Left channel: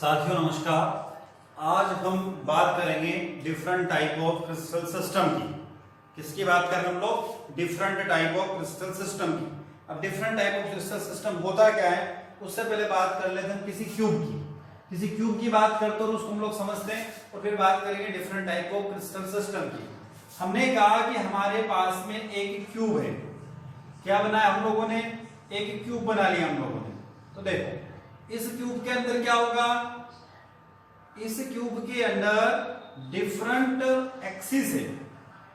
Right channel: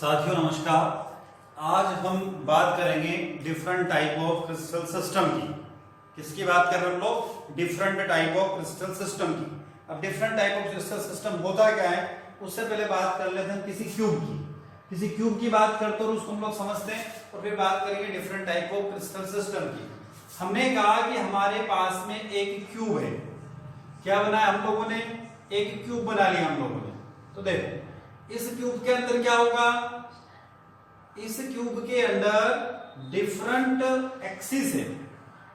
साथियों नमस्कार। आज हम बात करेंगे different type of crystal system की। किसकी बात कर रहे हैं हम लोग? Different type of crystal system की। अब different type of crystal system होता क्या है, उससे पहले बात कर लेते हैं किसी क्यूब की। किसी क्यूब की बात करते हैं और उसको हम लोग समझते हैं और फिर बात करेंगे different type of crystal system की। हमने कहा कि हमारे पास में एक क्यूब है। क्या बनाया हम लोगों ने? एक क्यूब बना लिया हम लोगों ने। तो देखो इस क्यूब के अंदर क्या होगा, इस क्यूब के अंदर डिफरेंट एक्सिस है।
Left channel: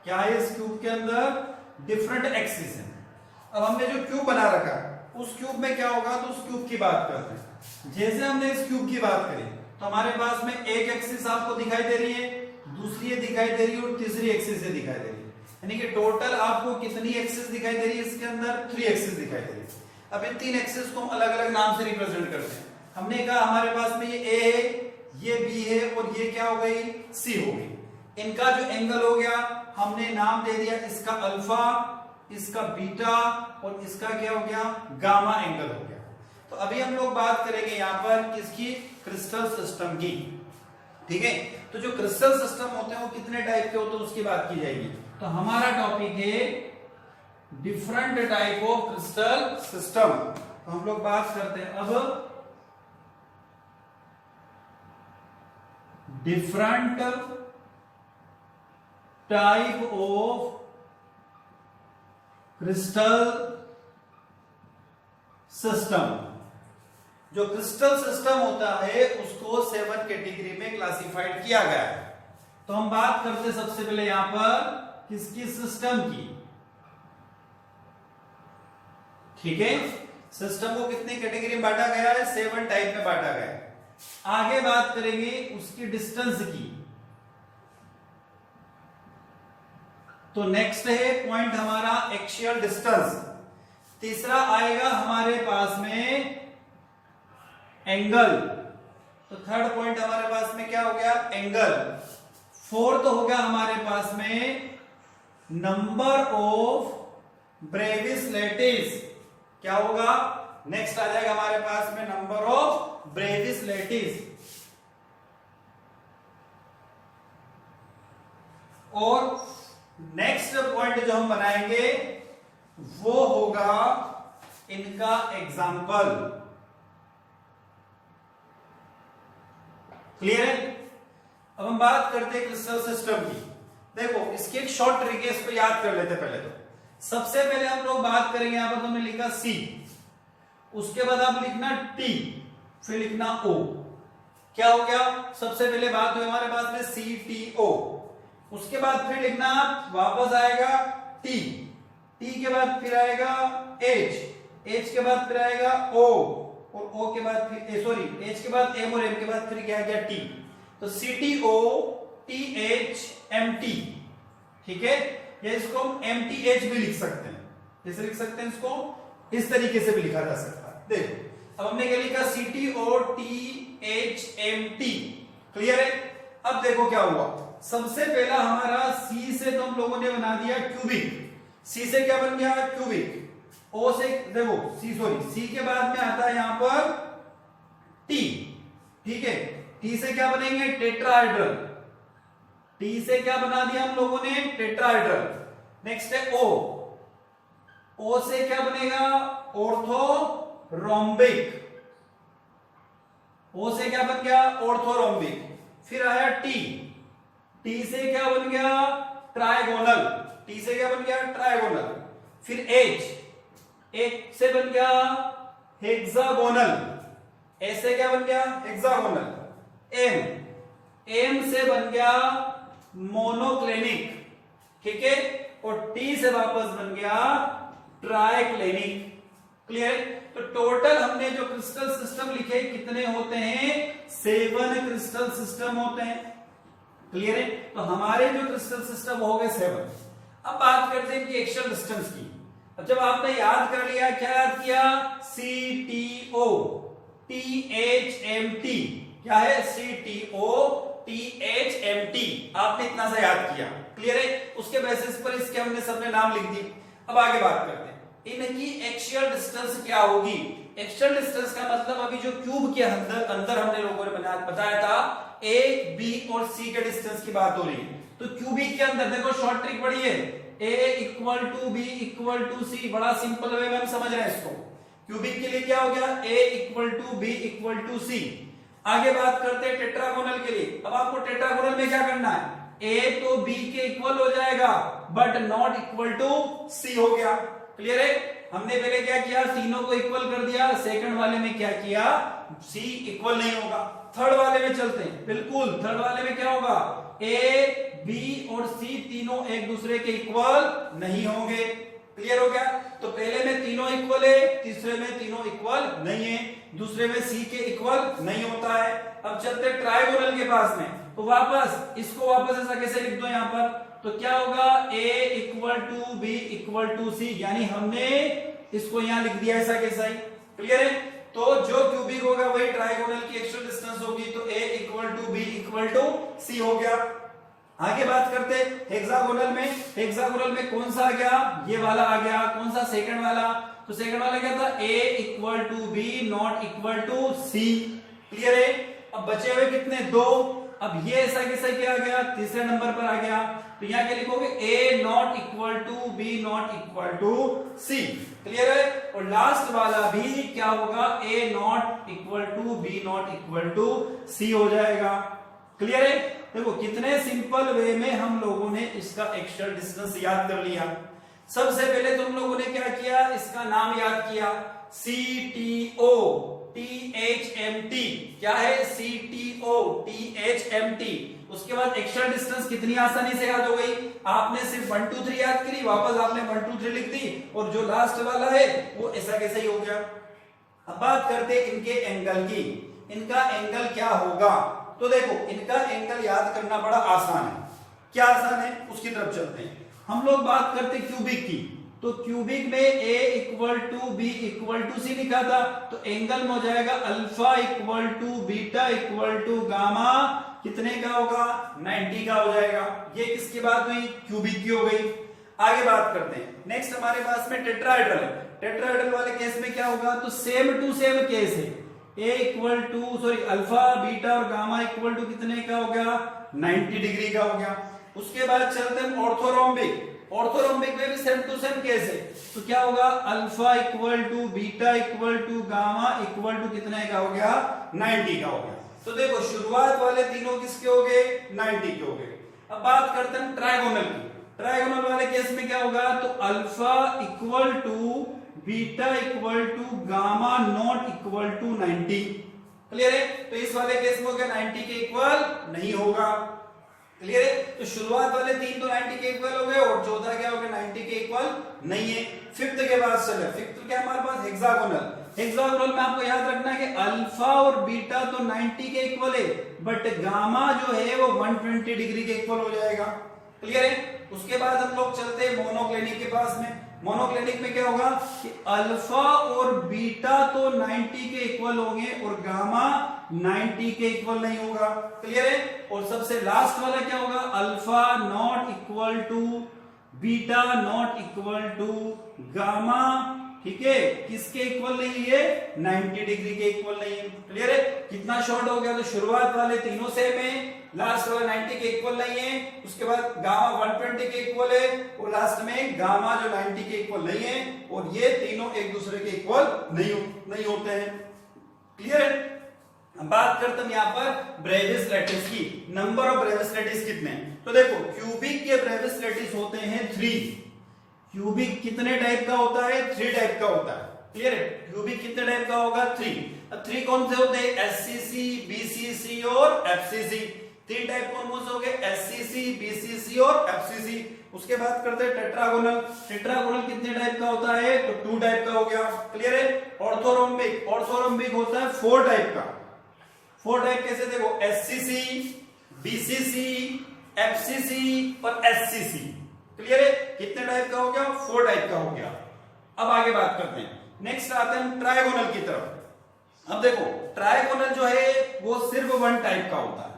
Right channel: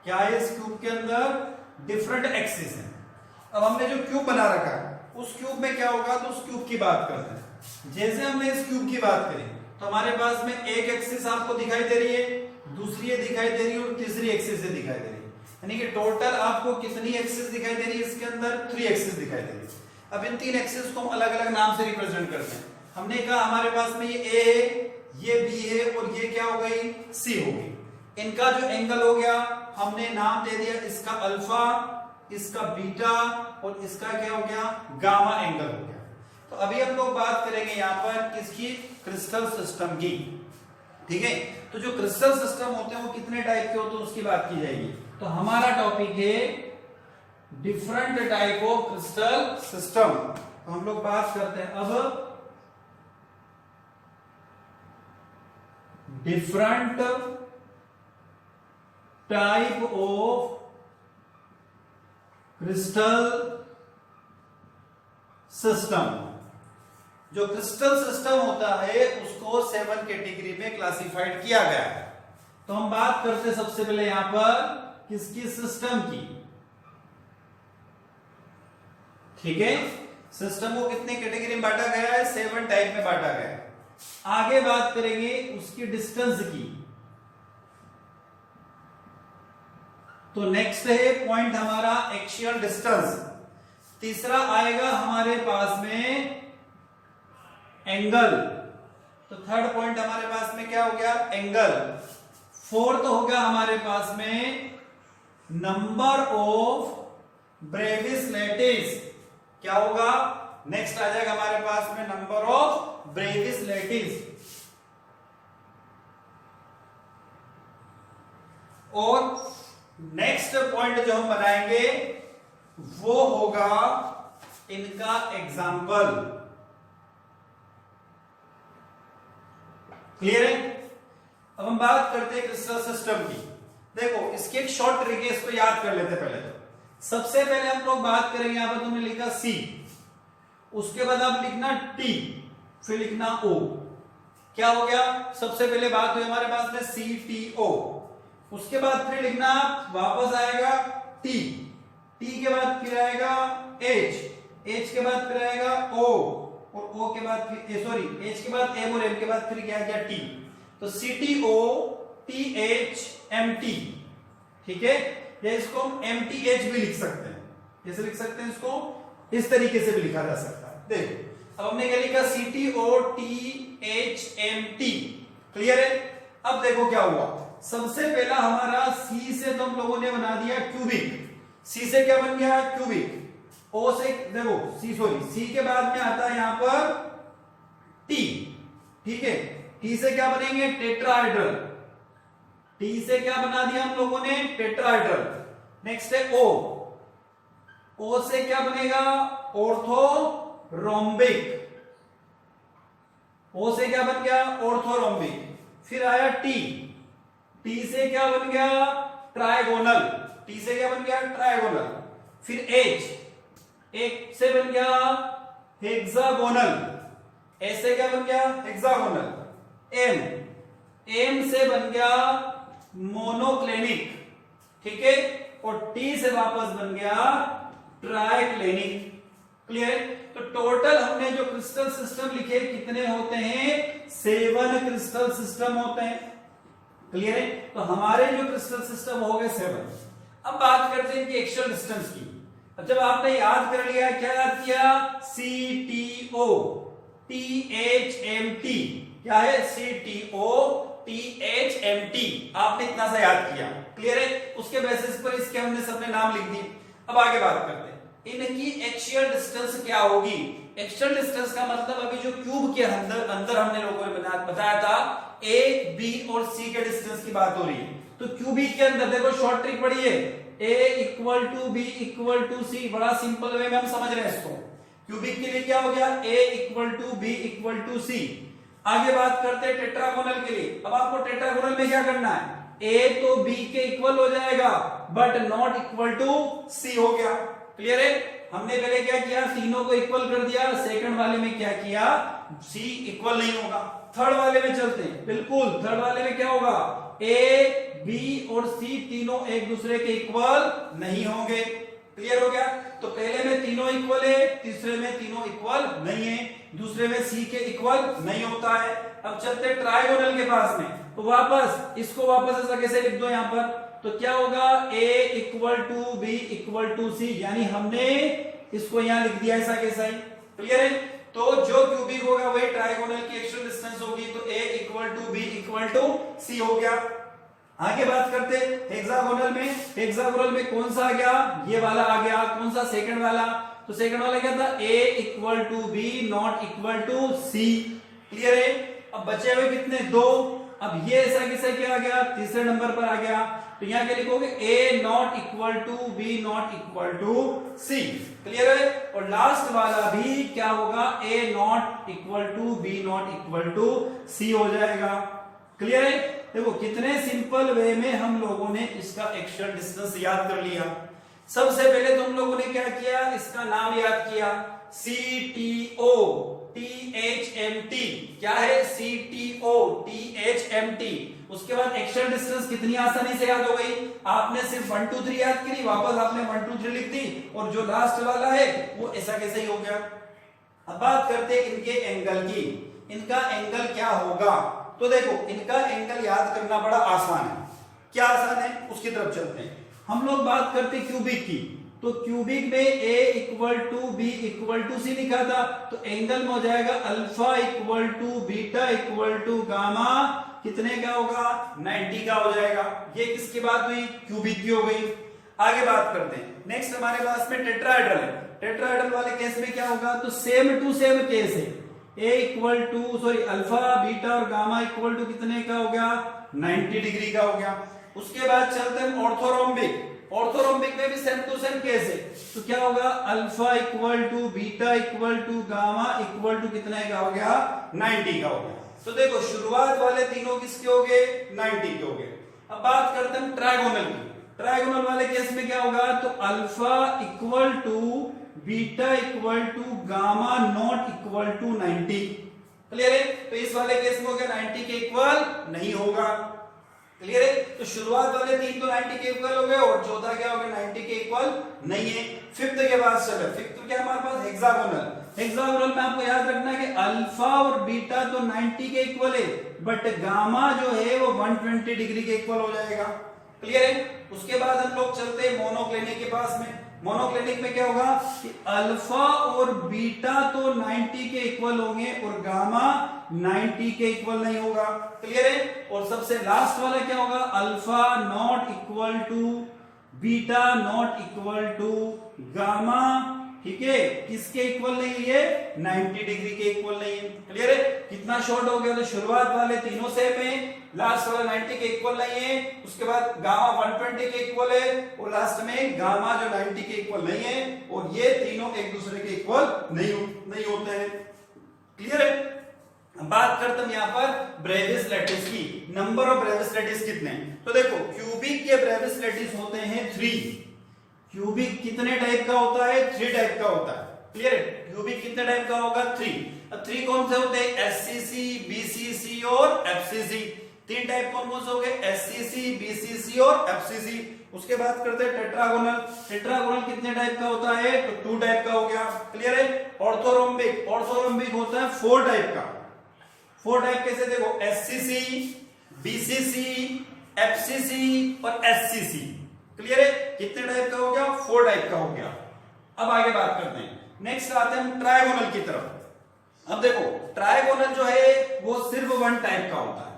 क्या है इस क्यूब के अंदर? डिफरेंट एक्सिस है। अब हमने जो क्यूब बना रखा उस क्यूब में क्या होगा, तो उस क्यूब की बात करते हैं। जैसे हमने इस क्यूब की बात करी तो हमारे पास में एक एक्सिस आपको दिखाई दे रही है, दूसरी ये दिखाई दे रही है और तीसरी एक्सिस ये दिखाई दे रही है। यानी कि टोटल आपको कितनी एक्सिस दिखाई दे रही है इसके अंदर? 3 एक्सिस दिखाई दे रही है। अब इन 3 एक्सिस को हम अलग अलग नाम से रिप्रेजेंट करते हैं। हमने कहा हमारे पास में ये ए है, ये बी है और ये क्या हो गई? सी हो गई। इनका जो एंगल हो गया हमने नाम दे दिया, इसका अल्फा, इसका बीटा और इसका क्या हो गया? गामा एंगल हो गया। तो अभी हम लोग बात करेंगे यहां पर इसकी क्रिस्टल सिस्टम की। ठीक है, तो जो क्रिस्टल सिस्टम होते हैं वो कितने टाइप के होते हैं उसकी बात की जाएगी। तो हमारा टॉपिक है different type of crystal system. तो हम लोग बात करते हैं अब different type of crystal system. जो क्रिस्टल सिस्टम होता है उसको 7 कैटेगरी में क्लासिफाइड किया गया है। तो हम बात करते हैं सबसे पहले यहां पर किसकी? सिस्टम की। ठीक है, सिस्टम को कितने कैटेगरी में बांटा गया है? 7 टाइप में बांटा गया है। आगे बात करेंगे उसकी डिस्टेंस की। तो नेक्स्ट है पॉइंट हमारा एक्सियल डिस्टेंस। तीसरा आएगा हमारे पास में एंगल। तो थर्ड पॉइंट हमारे पास में क्या हो गया? एंगल। फोर्थ हो गया हमारे पास में नंबर ऑफ ब्रेविस लैटिस। क्या होगा? नेक्स्ट आ जाएगा हमारे पास में नंबर ऑफ ब्रेविस लैटिस। और नेक्स्ट पॉइंट जो हम बनाएंगे वो होगा इनका एग्जाम्पल। क्लियर है? अब हम बात करते हैं क्रिस्टल सिस्टम की। देखो इसकी एक शॉर्ट ट्रिक है, इसको याद कर लेते पहले। तो सबसे पहले हम लोग बात करेंगे, यहां पर तुमने लिखा सी, उसके बाद आप लिखना टी, फिर लिखना ओ। क्या हो गया? सबसे पहले बात हुई हमारे पास में सी टी ओ। उसके बाद फिर लिखना वापस आएगा टी, टी के बाद फिर आएगा एच, एच के बाद फिर आएगा ओ और ओ के बाद फिर सॉरी एच के बाद एम और एम के बाद फिर क्या गया? टी। तो C T O T H M T. ठीक है, या इसको हम एम टी एच भी लिख सकते हैं। कैसे लिख सकते हैं इसको? इस तरीके से भी लिखा जा सकता है। देखो अब हमने क्या लिखा? C T O T H M T. Clear है? अब देखो क्या हुआ। सबसे पहला हमारा सी से तो हम लोगों ने बना दिया क्यूबिक। सी से क्या बन गया? क्यूबिक। ओ से देखो सी के बाद में आता है यहां पर टी। ठीक है, टी से क्या बनेंगे? टेट्राहेड्रल। टी से क्या बना दिया हम लोगों ने? टेट्राहेड्रल। नेक्स्ट है ओ, ओ से क्या बनेगा? ऑर्थोरोम्बिक। ओ से क्या बन गया? ऑर्थोरोम्बिक। फिर आया टी, टी से क्या बन गया? ट्राइगोनल। टी से क्या बन गया? ट्राइगोनल। फिर एच, एच से बन गया हेक्सागोनल। एच से क्या बन गया? हेक्सागोनल। एम, एम से बन गया मोनोक्लेनिक। ठीक है, और टी से वापस बन गया ट्राइक्लेनिक। क्लियर? तो टोटल हमने जो क्रिस्टल सिस्टम लिखे कितने होते हैं? 7 क्रिस्टल सिस्टम होते हैं। क्लियर है? तो हमारे जो क्रिस्टल सिस्टम हो गए 7। अब बात करते हैं इनकी एक्सियल डिस्टेंस की। अब जब आपने याद कर लिया, क्या याद किया? C T O T H M T. क्या है? C T O T H M T. आपने इतना सा याद किया। क्लियर है? उसके बेसिस पर इसके हमने सबने नाम लिख दिए। अब आगे बात करते हैं। इनकी एक्सियल डिस्टेंस क्या होगी। एक्सियल डिस्टेंस का मतलब अभी जो क्यूब के अंदर हमने लोगों ने बताया था ए बी और सी के डिस्टेंस की बात हो रही है। तो क्यूबिक के अंदर देखो शॉर्ट ट्रिक बड़ी है, a equal to B equal to C, बड़ा सिंपल वे में हम समझ रहे हैं इसको। क्यूबिक के लिए क्या हो गया, a equal to B equal to C. आगे बात करते हैं टेट्रागोनल के लिए। अब आपको टेट्रागोनल में क्या करना है, a तो b के इक्वल हो जाएगा but not equal to c हो गया। क्लियर है। हमने पहले क्या किया, तीनों को इक्वल कर दिया, सेकंड वाले में क्या किया, c इक्वल नहीं होगा। थर्ड वाले में चलते हैं, बिल्कुल थर्ड वाले में क्या होगा, a b और c तीनों एक दूसरे के इक्वल नहीं होंगे। क्लियर हो गया। तो पहले में तीनों इक्वल है, तीसरे में तीनों इक्वल नहीं है, दूसरे में c के इक्वल नहीं होता है। अब चलते ट्राइगोनल के पास में, तो वापस इसको वापस ऐसा कैसे लिख दो यहाँ पर, तो क्या होगा a equal to B equal to C, यानी हमने इसको यहाँ लिख दिया ऐसा कैसा ही। क्लियर है। तो जो क्यूबिक होगा वही ट्राइगोनल की एक्सियल डिस्टेंस होगी, तो a equal to B equal to C हो गया। आगे बात करते हेक्सागोनल में। हेक्सागोनल में कौन सा आ गया, ये वाला आ गया। कौन सा, सेकंड वाला। तो सेकंड वाला क्या था, a equal to B not equal to C. Clear है। अब बचे हुए कितने, दो। अब ये ऐसा कैसा क्या आ गया, तीसरे नंबर पर आ गया। तो यहाँ क्या लिखोगे, a not equal to B not equal to C. Clear है। और लास्ट वाला भी क्या होगा, a not equal to B not equal to C हो जाएगा। क्लियर है। देखो कितने सिंपल वे में हम लोगों ने इसका एक्सियल डिस्टेंस याद कर लिया। सबसे पहले तो हम लोगों ने क्या किया, इसका नाम याद किया, CTO THMT। क्या है, CTO THMT। उसके बाद एक्सियल डिस्टेंस कितनी आसानी से याद हो गई, आपने सिर्फ 1 2 3 याद करी, वापस आपने 1 2 3 लिख दी, और जो लास्ट वाला है वो ऐसा कैसे ही हो गया। अब बात करते हैं इनके एंगल की। इनका एंगल क्या होगा, तो देखो इनका एंगल याद करना बड़ा आसान है। क्या आसान है, उसकी तरफ चलते हैं। हम लोग बात करते हैं क्यूबिक की, तो क्यूबिक में a equal to B equal to C लिखा था, तो एंगल में हो जाएगा alpha equal to beta equal to gamma, कितने का होगा, 90 का हो जाएगा। ये किसकी बात हुई, क्यूबिक की हो गई। आगे बात करते हैं, नेक्स्ट हमारे पास में टेट्राहेड्रल है। टेट्राहेड्रल वाले केस में क्या होगा, तो सेम टू सेम केस है, a equal to sorry alpha beta और गामा इक्वल टू कितने का हो गया, 90 डिग्री का हो गया। उसके बाद चलते हैं ऑर्थोरोम्बिक। ऑर्थोरोम्बिक में भी सेम टू सेम केस है, तो क्या होगा, alpha equal to beta equal to gamma equal to कितने का हो गया, 90 का हो गया। तो देखो शुरुआत वाले तीनों किसके हो गए, 90 के हो गए। अब बात करते हैं ट्राइगोनल की। ट्राइगोनल वाले केस में क्या होगा, तो alpha equal to beta equal to gamma not equal to 90। Clear है। तो इस वाले केस में हो गया 90 के इक्वल नहीं होगा। क्लियर है। तो शुरुआत वाले तीन तो 90 के इक्वल हो गए, और चौथा क्या हो गया, 90 के इक्वल नहीं है। फिफ्थ के बाद चले, फिफ्थ क्या हमारे पास, हेक्सागोनल। हेक्सागोनल में आपको याद रखना है कि अल्फा और बीटा तो 90 के इक्वल है, बट गामा जो है वो 120 डिग्री के इक्वल हो जाएगा। क्लियर है। उसके बाद हम लोग चलते हैं मोनोक्लिनिक के पास में। मोनोक्लिनिक में क्या होगा कि अल्फा और बीटा तो 90 के इक्वल होंगे और गामा 90 के इक्वल नहीं होगा। क्लियर है। और सबसे लास्ट वाला क्या होगा, alpha not equal to beta not equal to gamma, ठीक है, किसके इक्वल नहीं है, 90 डिग्री के इक्वल नहीं है। क्लियर है। कितना शॉर्ट हो गया, तो शुरुआत वाले तीनों सेम है, लास्ट वाला 90 के इक्वल नहीं है, उसके बाद गामा 120 के इक्वल है, और लास्ट में गामा जो 90 के इक्वल नहीं है, और ये तीनों एक दूसरे के इक्वल नहीं होते हैं। क्लियर है। बात करते हैं यहाँ पर ब्रेविस लैटिस की। नंबर ऑफ ब्रेविस लैटिस कितने, तो देखो क्यूबिक के ब्रेविस लैटिस होते हैं 3। क्यूबिक कितने टाइप का होता है, 3 टाइप का होता है। क्लियर है। क्यूबिक कितने टाइप का होगा, 3। अब 3 कौन से होते हैं, एससीसी, बीसीसी और एफसीसी। 3 टाइप कौन से हो गए, एससीसी, बीसीसी और एफसीसी। उसके बाद करते हैं टेट्रागोनल। टेट्रागोनल कितने टाइप का होता है, तो 2 टाइप का हो गया। क्लियर है। ऑर्थोरोम्बिक, ऑर्थोरोम्बिक होता है 4 टाइप का। 4 टाइप कैसे, देखो एससीसी, बीसीसी, एफसीसी और एससीसी। क्लियर है। कितने टाइप का हो गया, 4 टाइप का हो गया। अब आगे बात करते हैं, नेक्स्ट आते हैं ट्राइगोनल की तरफ। अब देखो ट्राइगोनल जो है वो सिर्फ 1 टाइप का होता है।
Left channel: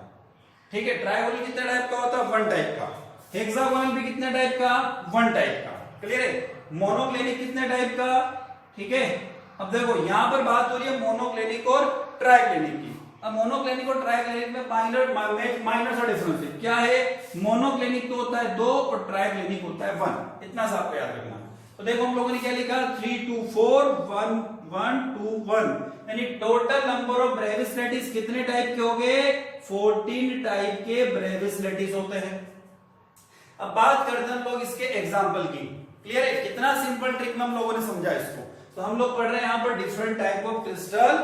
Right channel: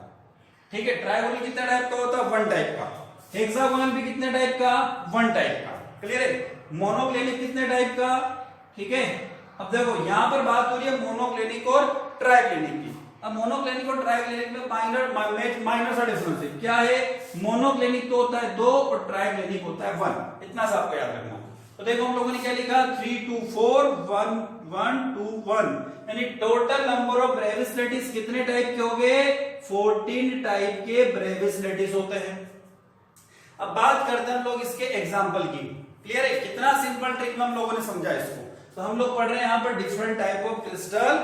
ठीक है। ट्राइगोनल कितने टाइप का होता है, 1 टाइप का। हेक्सागोनल भी कितने टाइप का, 1 टाइप का। क्लियर है? मोनोक्लिनिक कितने टाइप का, ठीक है। अब देखो यहां पर बात हो रही है मोनोक्लिनिक और ट्राइक्लिनिक की। अब मोनोक्लिनिक और ट्राइक्लिनिक में माइनर सा डिफरेंस है। क्या है? मोनोक्लिनिक तो होता है 2 और ट्राइक्लिनिक होता है 1। इतना सा आपको याद रखना। तो देखो हम लोगों ने क्या लिखा, 3 2 4 1 1 2 1, यानी टोटल नंबर ऑफ ब्रेविस्लेटिस कितने टाइप के हो गए? 14 टाइप के ब्रेविस्लेटिस होते हैं। अब बात करते हैं हम लोग इसके एग्जांपल की। क्लियर है? कितना सिंपल ट्रिक में हम लोगों ने समझा इसको। तो हम लोग पढ़ रहे हैं यहां पर डिफरेंट टाइप ऑफ क्रिस्टल